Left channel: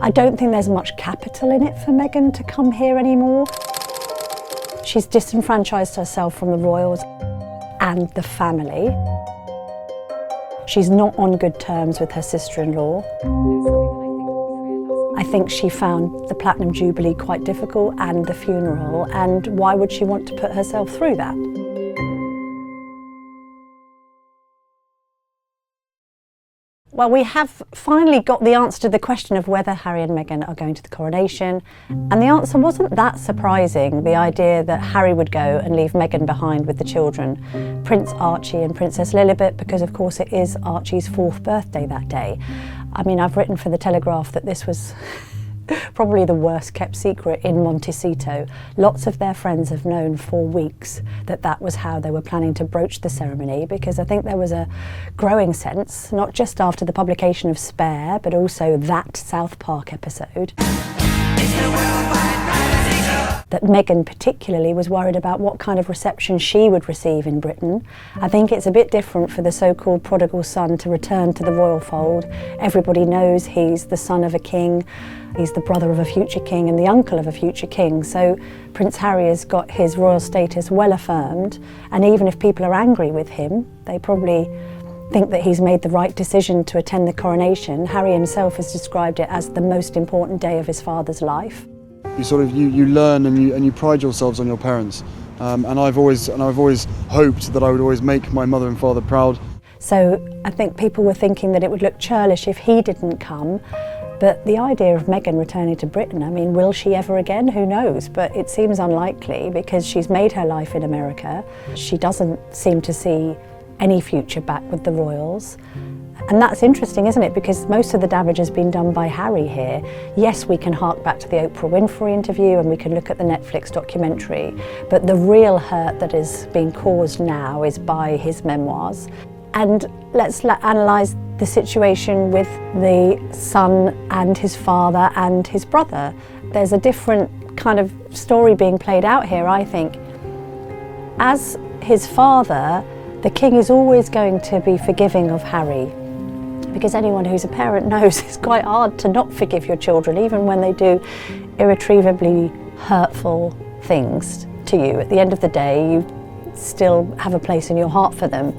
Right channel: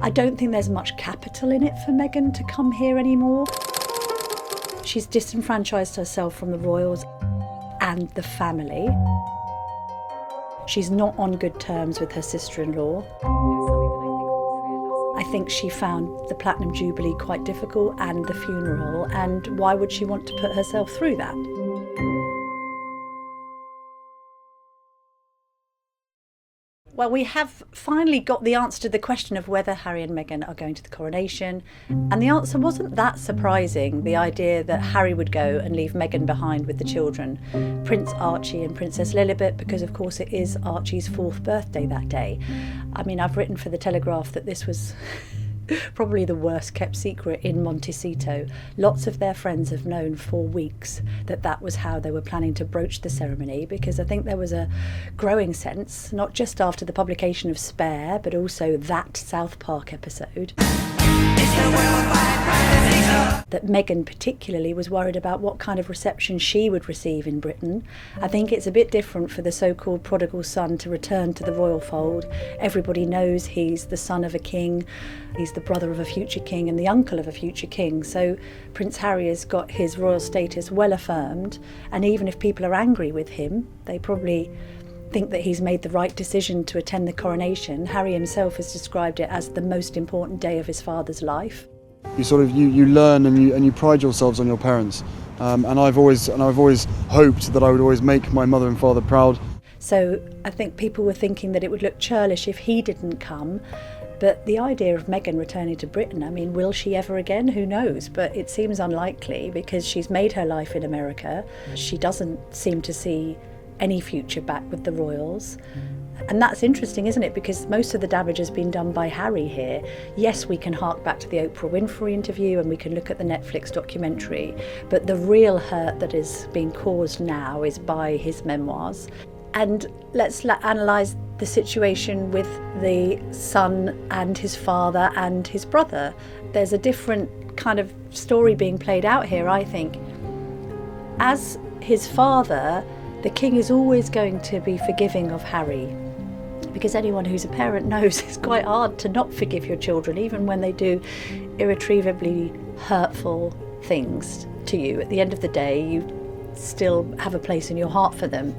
I don't think there's much capital in it for Meghan to come here anymore. She's disenfranchised herself from the royals and the family. She's not on good terms with her sister-in-law. I think she found the Platinum Jubilee quite difficult and the funeral, and why would she want to put herself through that? Well, we have finally got the answer to the question of whether Harry and Meghan are going to the coronation, and the answer wasn't that surprising, the idea that Harry would go and leave Meghan behind with the children, Prince Archie and Princess Lilibet, because of course it is Archie's 4th birthday that day. I mean, I've written for the Telegraph that this was probably the worst kept secret in Montecito. Lots of their friends have known for weeks that that was how they were planning to broach the ceremony, because I think there was a growing sense, not just after the publication of Spare, but also that South Park episode, that Meghan particularly was worried about what kind of reception she would receive in Britain. I think it's a bit different for the so-called prodigal son to return to the royal fold. Everybody knows he's the son of a king, he's the brother of a future king and the uncle of a future king. So Prince Harry has got his royal status well affirmed, and even if people are angry with him, they probably think that he's made the right decision to attend the coronation. Harry himself has described it as the most important day of his father's life. You learn and you pride yourselves on your parents, and I've always hoped that I would always make my mother and father proud. So I think people were thinking that it would look churlish if he didn't come, but the idea of Meghan returning to Britain, I mean, will she ever again? Who knows? But it seems unlikely, because she's made her life in America. She doesn't seem to see any future back with the royals. And that's interesting, isn't it? Because most of the damage has been done by Harry here. Yes, we can hark back to the Oprah Winfrey interview and we can look at the Netflix documentary, but the real hurt that is being caused now is by his memoirs. And let's analyse the situation with the son and his father and his brother. There's a different kind of story being played out here, I think. As his father, the king is always going to be forgiving of Harry, because anyone who's a parent knows it's quite hard to not forgive your children, even when they do irretrievably hurtful things to you. At the end of the day, you still have a place in your heart for them.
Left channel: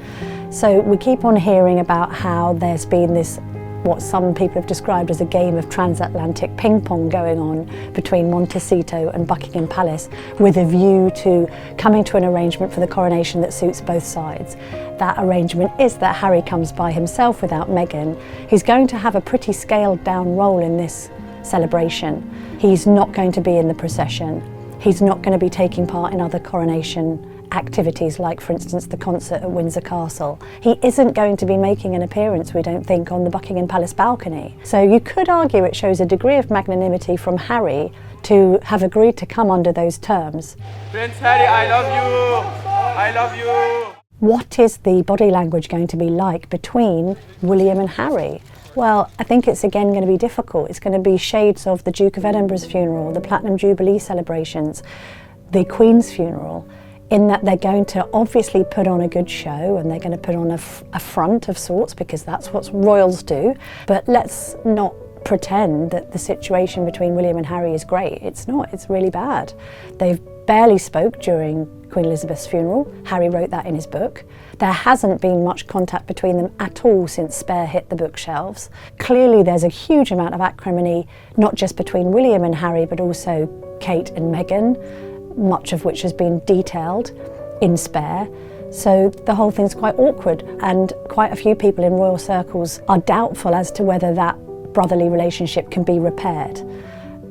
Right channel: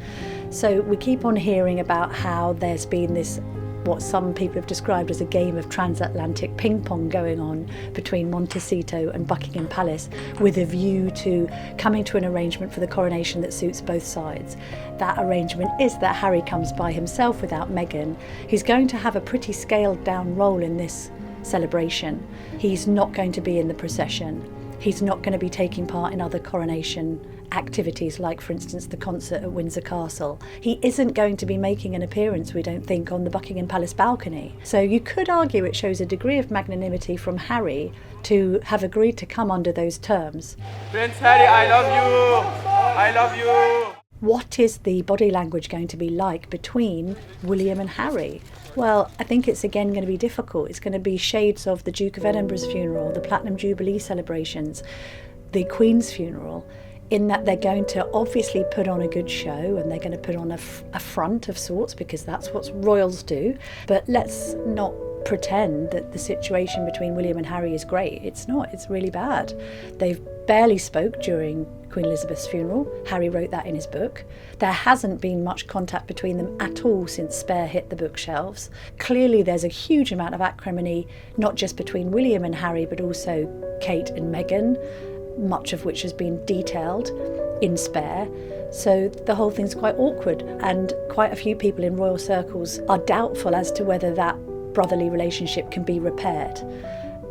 So we keep on hearing about how there's been this, what some people have described as a game of transatlantic ping pong going on between Montecito and Buckingham Palace, with a view to coming to an arrangement for the coronation that suits both sides. That arrangement is that Harry comes by himself without Meghan. He's going to have a pretty scaled down role in this celebration. He's not going to be in the procession. He's not going to be taking part in other coronation activities, like for instance the concert at Windsor Castle. He isn't going to be making an appearance, we don't think, on the Buckingham Palace balcony. So you could argue it shows a degree of magnanimity from Harry to have agreed to come under those terms. Prince Harry, I love you! I love you! What is the body language going to be like between William and Harry? Well, I think it's again going to be difficult. It's going to be shades of the Duke of Edinburgh's funeral, the Platinum Jubilee celebrations, the Queen's funeral, in that they're going to obviously put on a good show and they're going to put on a front of sorts, because that's what royals do. But let's not pretend that the situation between William and Harry is great. It's not, it's really bad. They've barely spoke during Queen Elizabeth's funeral. Harry wrote that in his book. There hasn't been much contact between them at all since Spare hit the bookshelves. Clearly there's a huge amount of acrimony, not just between William and Harry, but also Kate and Meghan, much of which has been detailed in Spare. So the whole thing's quite awkward, and quite a few people in royal circles are doubtful as to whether that brotherly relationship can be repaired.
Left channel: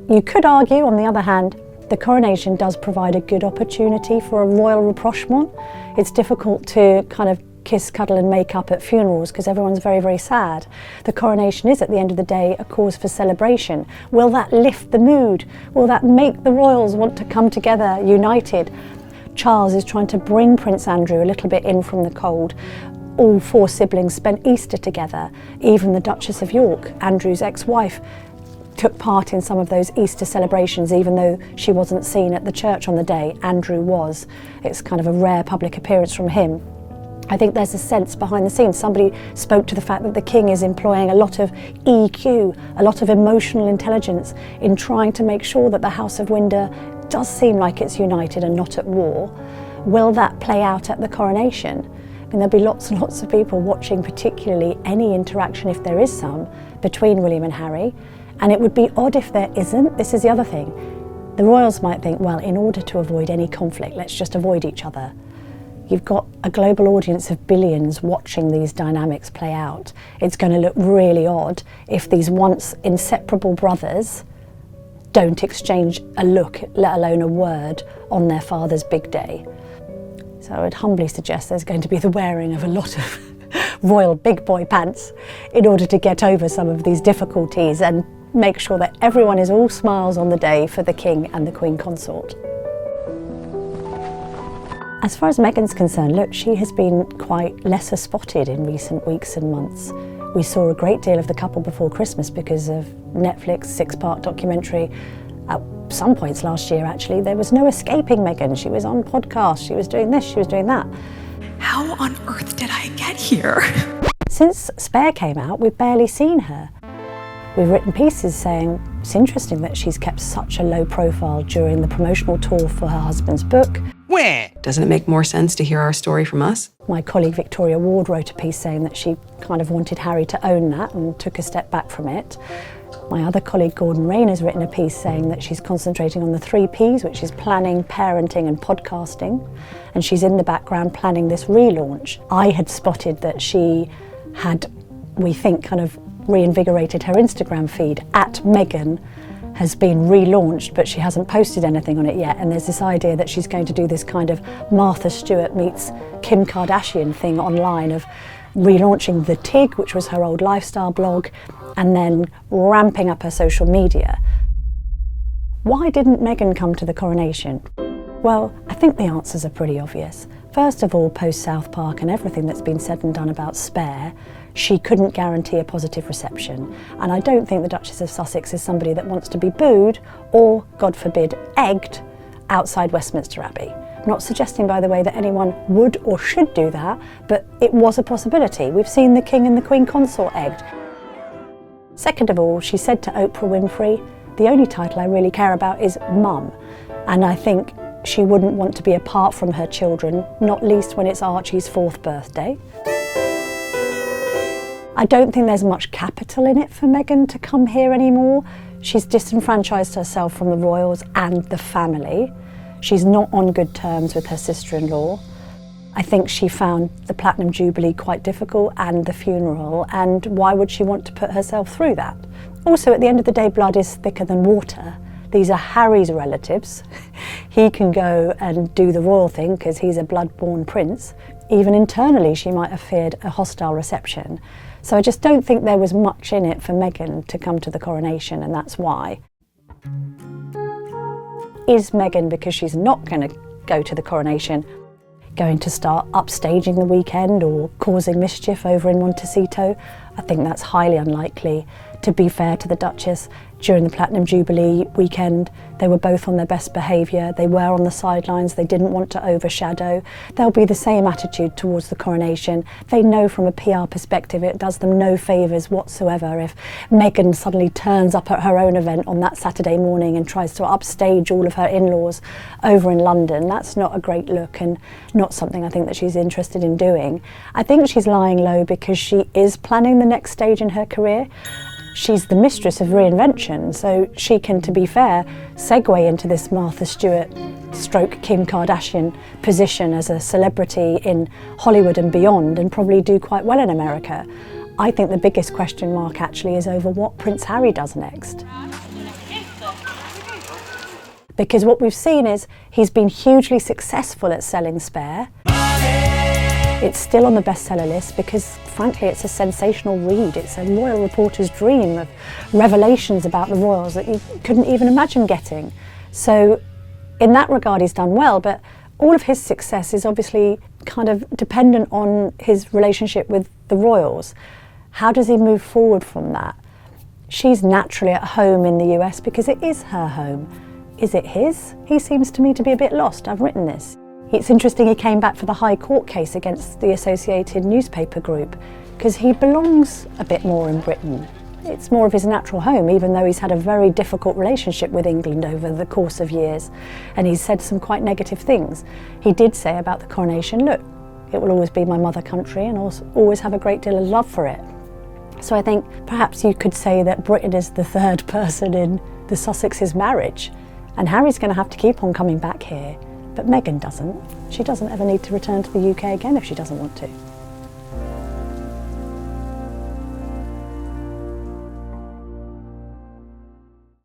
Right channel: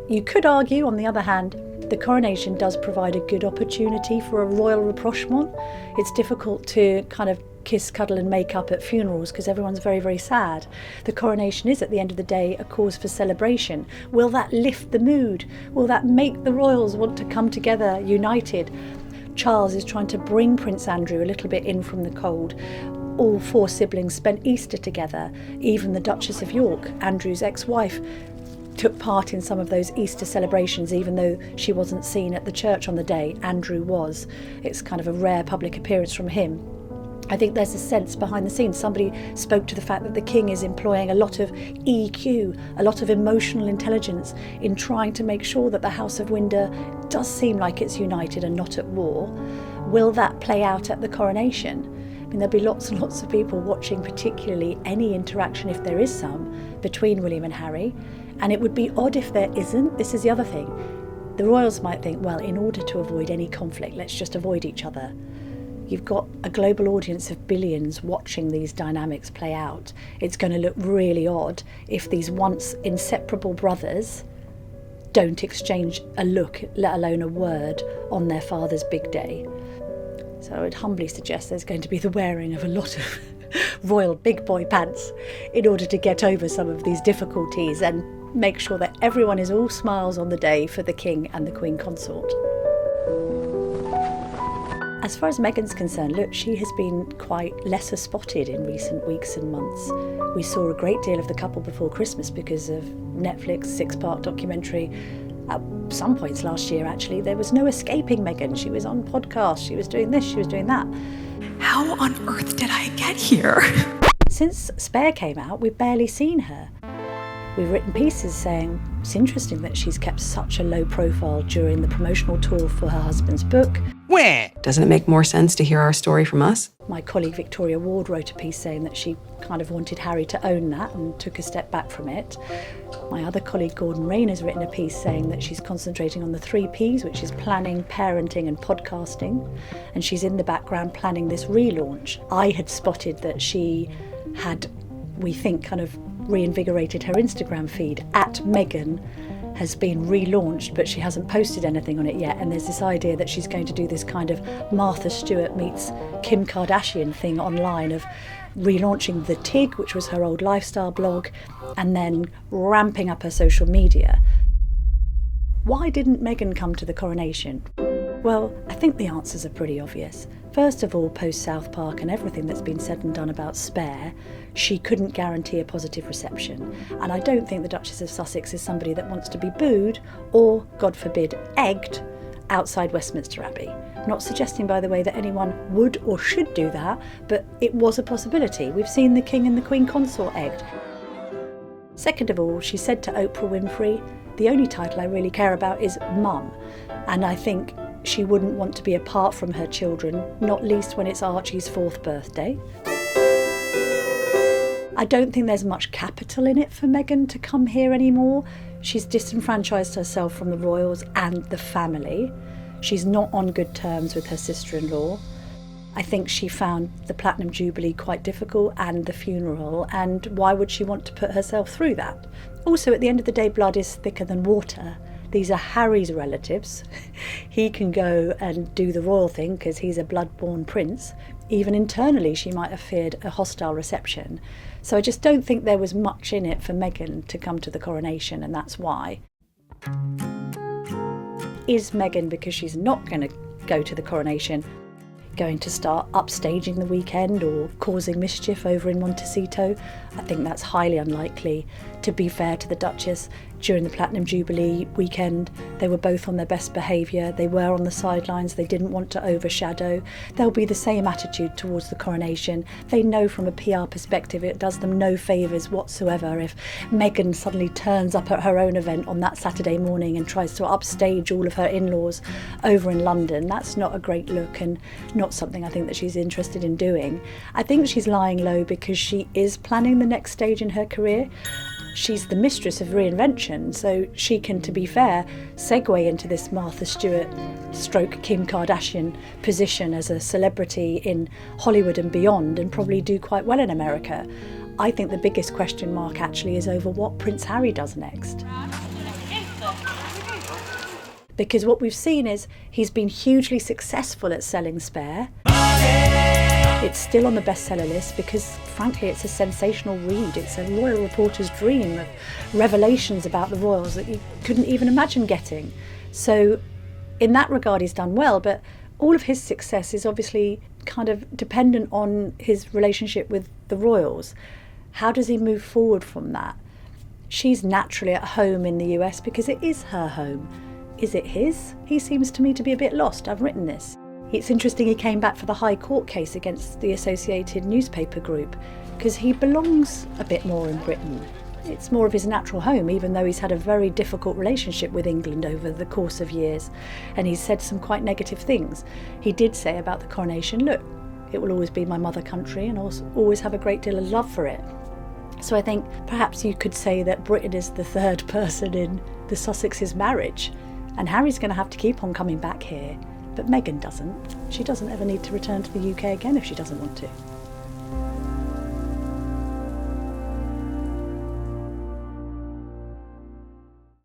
You could argue, on the other hand, the coronation does provide a good opportunity for a royal rapprochement. It's difficult to kind of kiss, cuddle and make up at funerals because everyone's very, very sad. The coronation is, at the end of the day, a cause for celebration. Will that lift the mood? Will that make the royals want to come together united? Charles is trying to bring Prince Andrew a little bit in from the cold. All 4 siblings spent Easter together. Even the Duchess of York, Andrew's ex-wife, took part in some of those Easter celebrations, even though she wasn't seen at the church on the day. Andrew was. It's kind of a rare public appearance from him. I think there's a sense behind the scenes. Somebody spoke to the fact that the king is employing a lot of EQ, a lot of emotional intelligence in trying to make sure that the House of Windsor does seem like it's united and not at war. Will that play out at the coronation? I mean, there'll be lots and lots of people watching, particularly any interaction, if there is some, between William and Harry. And it would be odd if there isn't. This is the other thing. The royals might think, well, in order to avoid any conflict, let's just avoid each other. You've got a global audience of billions watching these dynamics play out. It's going to look really odd if these once inseparable brothers don't exchange a look, let alone a word, on their father's big day. So I would humbly suggest there's going to be the wearing of a lot of royal big boy pants in order to get over some of these difficulties and make sure that everyone is all smiles on the day for the king and the queen consort. As far as Meghan's concerned, look, she has been quite lesser spotted in recent weeks and months. We saw a great deal of the couple before Christmas because of Netflix 6-part documentary. At some points last year, actually, there was no escaping Meghan. She was on podcasts, she was doing this, she was doing that. How on earth did I get here? Since Spare came out, we've barely seen her. We've written pieces saying it's interesting that she's kept such a low profile during the promotional tour for her husband's book. Where? Doesn't it make more sense to hear our story from us? My colleague Victoria Ward wrote a piece saying that she kind of wanted Harry to own that and took a step back from it. My other colleague Gordon Rain has written a piece saying that she's concentrating on the 3 Ps, which is planning, parenting and podcasting, and she's in the background planning this relaunch. I had spotted that she had, we think, kind of reinvigorated her Instagram feed. @Meghan has been relaunched, but she hasn't posted anything on it yet, and there's this idea that she's going to do this kind of Martha Stewart meets Kim Kardashian thing online of relaunching The Tig, which was her old lifestyle blog, and then ramping up her social media. Why didn't Meghan come to the coronation? Well, I think the answers are pretty obvious. First of all, post South Park and everything that's been said and done about Spare, she couldn't guarantee a positive reception. And I don't think the Duchess of Sussex is somebody that wants to be booed or, God forbid, egged outside Westminster Abbey. I'm not suggesting, by the way, that anyone would or should do that, but it was a possibility. We've seen the King and the Queen Consort egged. Second of all, she said to Oprah Winfrey, the only title I really care about is Mum. And I think she wouldn't want to be apart from her children, not least when it's Archie's 4th birthday. I don't think there's much capital in it for Meghan to come here anymore. She's disenfranchised herself from the royals and the family. She's not on good terms with her sister-in-law. I think she found the Platinum Jubilee quite difficult and the funeral, and why would she want to put herself through that? Also, at the end of the day, blood is thicker than water. These are Harry's relatives. He can go and do the royal thing because he's a blood-born prince. Even internally, she might have feared a hostile reception. So I just don't think there was much in it for Meghan to come to the coronation, and that's why. Is Meghan, because she's not going to go to the coronation, going to start upstaging the weekend or causing mischief over in Montecito? I think that's highly unlikely. To be fair to the Duchess, during the Platinum Jubilee weekend, they were both on their best behaviour. They were on the sidelines. They didn't want to overshadow. There'll be the same attitude towards the coronation. They know from a PR perspective it does them no favours whatsoever if Meghan suddenly turns up at her own event on that Saturday morning and tries to upstage all of her in-laws over in London. That's not a great look and not something I think that she's interested in doing. I think she's lying low because she is planning the next stage in her career. She's the mistress of reinvention, so she can, to be fair, segue into this Martha Stewart stroke Kim Kardashian position as a celebrity in Hollywood and beyond, and probably do quite well in America. I think the biggest question mark actually is over what Prince Harry does next. Because what we've seen is he's been hugely successful at selling Spare. It's still on the bestseller list because, frankly, it's a sensational read. It's a royal reporter's dream of revelations about the royals that you couldn't even imagine getting. So, in that regard, he's done well, but all of his success is obviously kind of dependent on his relationship with the royals. How does he move forward from that? She's naturally at home in the US because it is her home. Is it his? He seems to me to be a bit lost. I've written this. It's interesting he came back for the High Court case against the Associated Newspaper Group, because he belongs a bit more in Britain. It's more of his natural home, even though he's had a very difficult relationship with England over the course of years, and he's said some quite negative things. He did say about the coronation, look, it will always be my mother country and also always have a great deal of love for it. So I think perhaps you could say that Britain is the third person in the Sussexes' marriage, and Harry's going to have to keep on coming back here. But Meghan doesn't. She doesn't ever need to return to the UK again if she doesn't want to.